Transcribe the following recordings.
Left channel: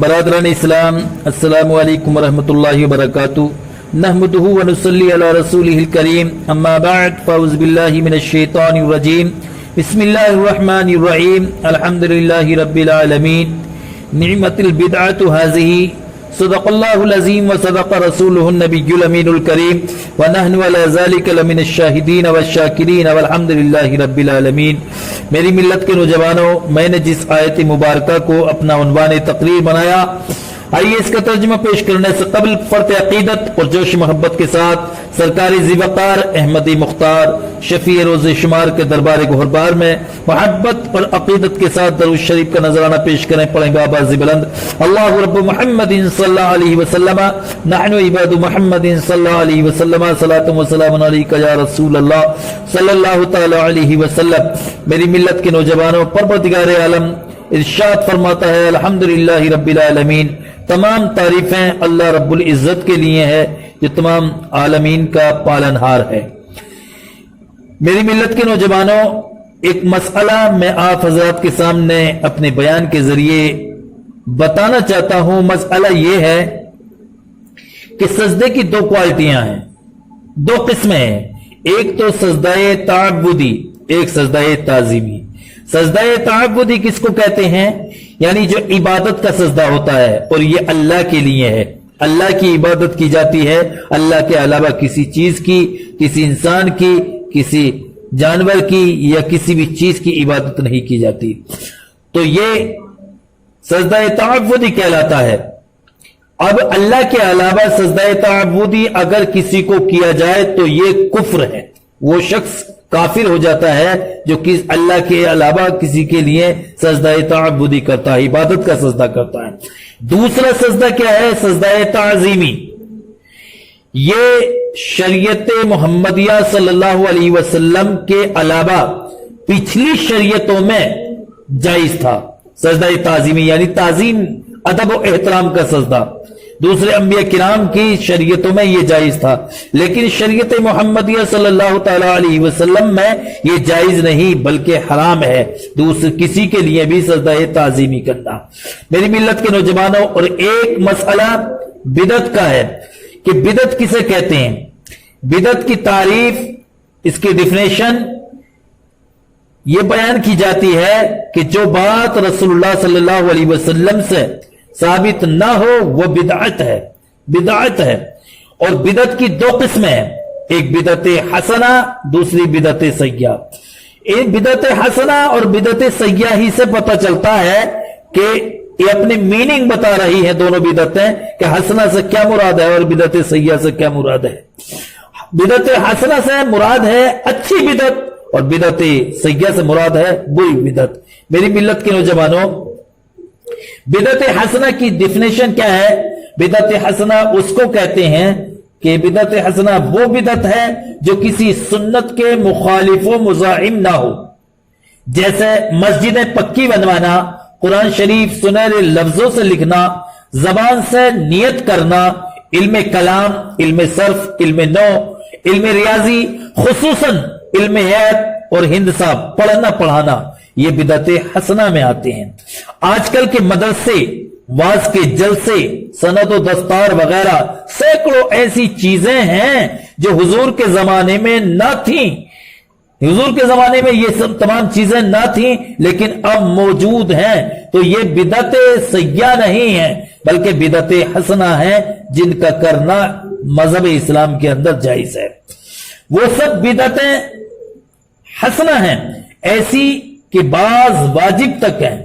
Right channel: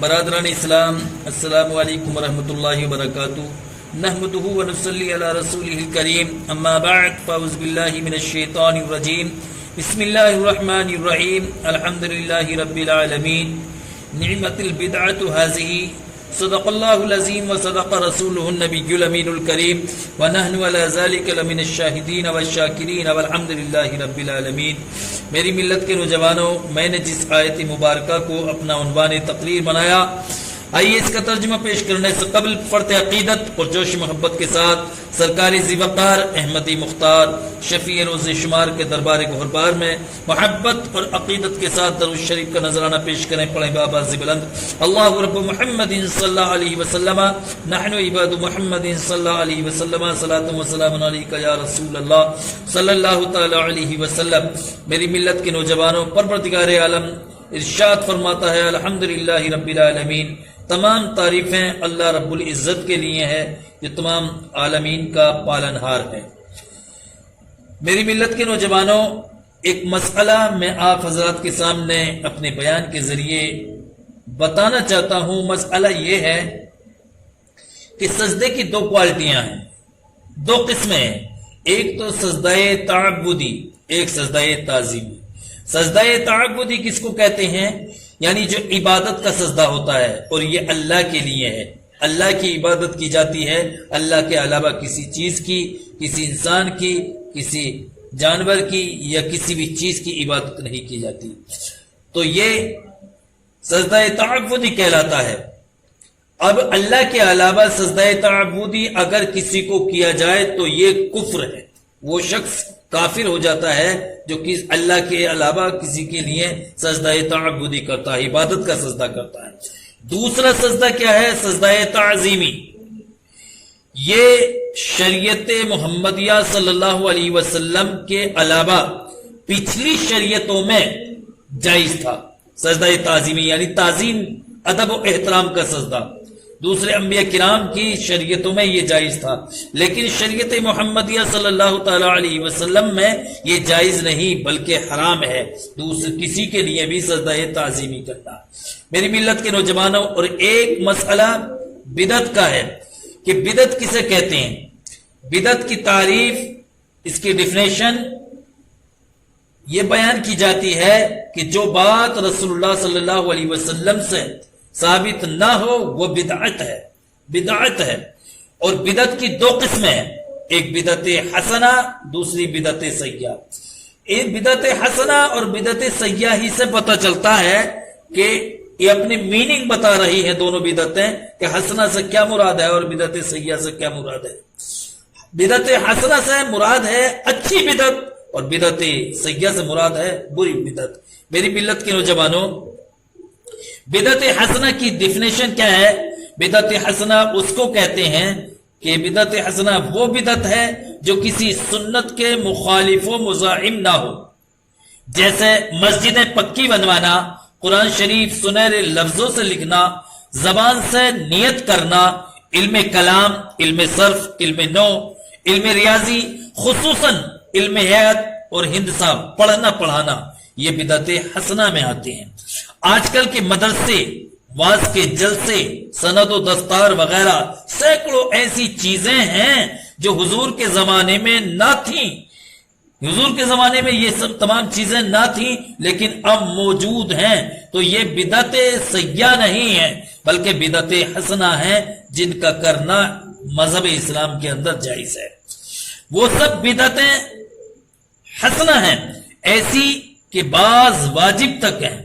برادران اسلام، السلام علیکم ورحمۃ اللہ وبرکاتہ۔ نحمدہ ونصلی علی رسولہ الکریم، اما بعد فاعوذ باللہ من الشیطان الرجیم، بسم اللہ الرحمن الرحیم، الحمد للہ رب العالمین، نعمت البدعۃ ہذہ، صدق اللہ العظیم وصدق رسولہ النبی الامین الکریم، ونحن علی ذلک لمن الشاہدین والشاکرین والحمد للہ رب العالمین۔ میری ملت کے نوجوانوں، میں نے جس آیت مبارکہ کو اپنا عنوان تقریر بنایا، آئیے اس کا ترجمہ پیش کرنے سے قبل فرط عقیدت اور جوش محبت کے ساتھ سرکار ذی وقار احمدی مختار شفیع روز شمار کے دربار گہربار میں محبت اور عقیدت کے ساتھ درود شریف کا نذرانہ پیش کریں۔ پڑھیں بآواز بلند، اللہ رب محمد صلی اللہ علیہ وسلم، نحن عباد محمد صلی اللہ علیہ وسلم، صلاۃ و سلام علیک یا رسول اللہ صلی اللہ تعالی علیہ وسلم۔ میری ملت کے نوجوانوں، پروردگار عالم ارشاد فرماتا ہے، الحمدللہ رب العالمین، تمام تعریفیں اللہ رب العزت کے لیے ہے جو تمام عالمین کا پالنہار ہے۔ میری ملت کے نوجوانوں، ایک مسئلہ میں آپ حضرات کے سامنے اپنے بیان کے ذریعے بتانا چاہتا ہوں۔ مسئلہ یہ ہے کہ سجدے کی دو کوالٹیاں ہیں، دو قسمیں ہیں، ایک تو سجدہ تعبدی، ایک سجدہ تعظیمی۔ سجدہ تعبدی کس کو کہتے ہیں؟ یعنی جو عبادت کا سجدہ ہوتا ہے اور یہ اللہ کے لیے ہے، اللہ کی عبادت کی جاتی ہے، اللہ کے علاوہ کسی چیز کی، کسی انسان کی، کسی جانور کی یا کسی بھی چیز کی عبادت نہیں کی جاتی، تو یہ سجدہ تعبدی کہلاتا ہے۔ اب اللہ کے علاوہ سجدہ تعبدی اگر کسی کو کیا جائے تو یہ کفر ہے، وہ شخص کافر ہو جاتا ہے جو اللہ کے علاوہ کسی کے لیے سجدہ تعبدی کرتا ہے، عبادت کا سجدہ کرتا ہے۔ دوسرا سجدہ کیا ہے؟ سجدہ تعظیمی۔ یہ شریعت محمدیہ صلی اللہ علیہ وسلم کے علاوہ پچھلی شریعتوں میں جائز تھا۔ سجدہ تعظیمی یعنی تعظیم، ادب و احترام کا سجدہ، دوسرے انبیاء کرام کی شریعتوں میں یہ جائز تھا، لیکن شریعت محمدیہ صلی اللہ تعالی علیہ وسلم میں یہ جائز نہیں بلکہ حرام ہے دوسرے کسی کے لیے بھی سجدہ تعظیمی کرنا۔ میری ملت کے نوجوانوں، اور ایک مسئلہ بدعت کا ہے کہ بدعت کسے کہتے ہیں؟ بدعت کی تعریف، اس کی ڈیفینیشن یہ بیان کی جاتی ہے کہ جو بات رسول اللہ صلی اللہ علیہ وسلم سے ثابت نہ ہو وہ بدعت ہے، بدعت ہے۔ اور بدعت کی دو قسمیں ہیں، ایک بدعت حسنہ، دوسری بدعت سیئہ۔ ایک بدعت حسنہ اور بدعت سیئہ ہی سے پتہ چلتا ہے کہ یہ اپنی میننگ بتا رہی ہیں دونوں بدعتیں کہ حسنہ سے کیا مراد ہے اور بدعت سیئہ سے کیا مراد ہے۔ بدعت حسنہ سے مراد ہے اچھی بدعت اور بدعت سیئہ سے مراد ہے بری بدعت۔ میری ملت کے نوجوانوں، بدعت حسنہ کی ڈیفینیشن کیا ہے؟ بدعت حسنہ اس کو کہتے ہیں کہ بدعت حسنہ وہ بدعت ہے جو کسی سنت کے مخالف و مزاحم نہ ہو، جیسے مسجدیں پکی بنوانا، قرآن شریف سنہرے لفظوں سے لکھنا، زبان سے نیت کرنا، علم کلام، علم صرف، علم نو، علم ریاضی، خصوصاً علم حیات اور ہندسہ پڑھنا پڑھانا، یہ بدعت حسنہ میں آتے ہیں۔ آج کل کے مدرسے، واز کے جلسے، سند و دستار وغیرہ سینکڑوں ایسی چیزیں ہیں جو حضور کے زمانے میں نہ تھیں۔ حضور کے زمانے میں یہ سب تمام چیزیں نہ تھیں لیکن اب موجود ہیں، تو یہ بدعت سیئہ نہیں ہیں بلکہ بدعت حسنہ ہیں جن کا کرنا مذہب اسلام کے اندر جائز ہے۔ وہ سب بدعتیں حسنہ ہیں ایسی کہ بعض واجب تک ہیں،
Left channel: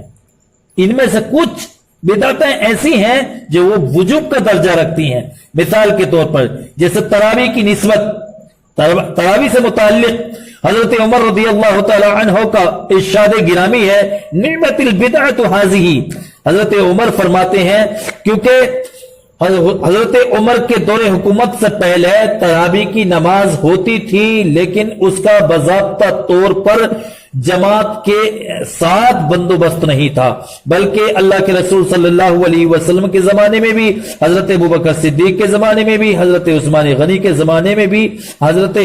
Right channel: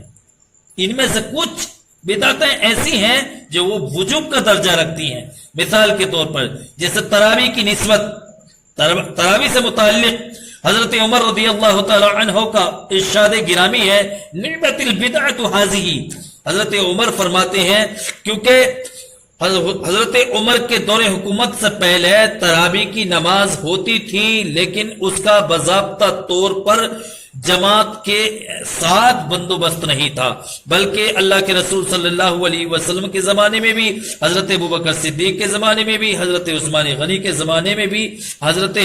ان میں سے کچھ بدعتیں ایسی ہیں جو وہ وجوب کا درجہ رکھتی ہیں۔ مثال کے طور پر جیسے تراویح کی نسبت، تراویح سے متعلق حضرت عمر رضی اللہ تعالی عنہ کا ارشاد گرامی ہے، نعمت البدعۃ ھذہ۔ حضرت عمر فرماتے ہیں کیونکہ حضرت عمر کے دور حکومت سے پہلے تراویح کی نماز ہوتی تھی لیکن اس کا باضابطہ طور پر جماعت کے ساتھ بندوبست نہیں تھا، بلکہ اللہ کے رسول صلی اللہ علیہ وسلم کے زمانے میں بھی، حضرت ابوبکر صدیق کے زمانے میں بھی، حضرت عثمان غنی کے زمانے میں بھی، حضرت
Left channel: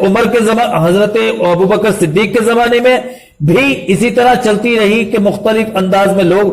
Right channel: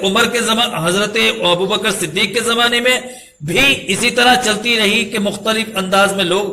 عمر کے زمانے، حضرت ابوبکر صدیق کے زمانے میں بھی اسی طرح چلتی رہی کہ مختلف انداز میں لوگ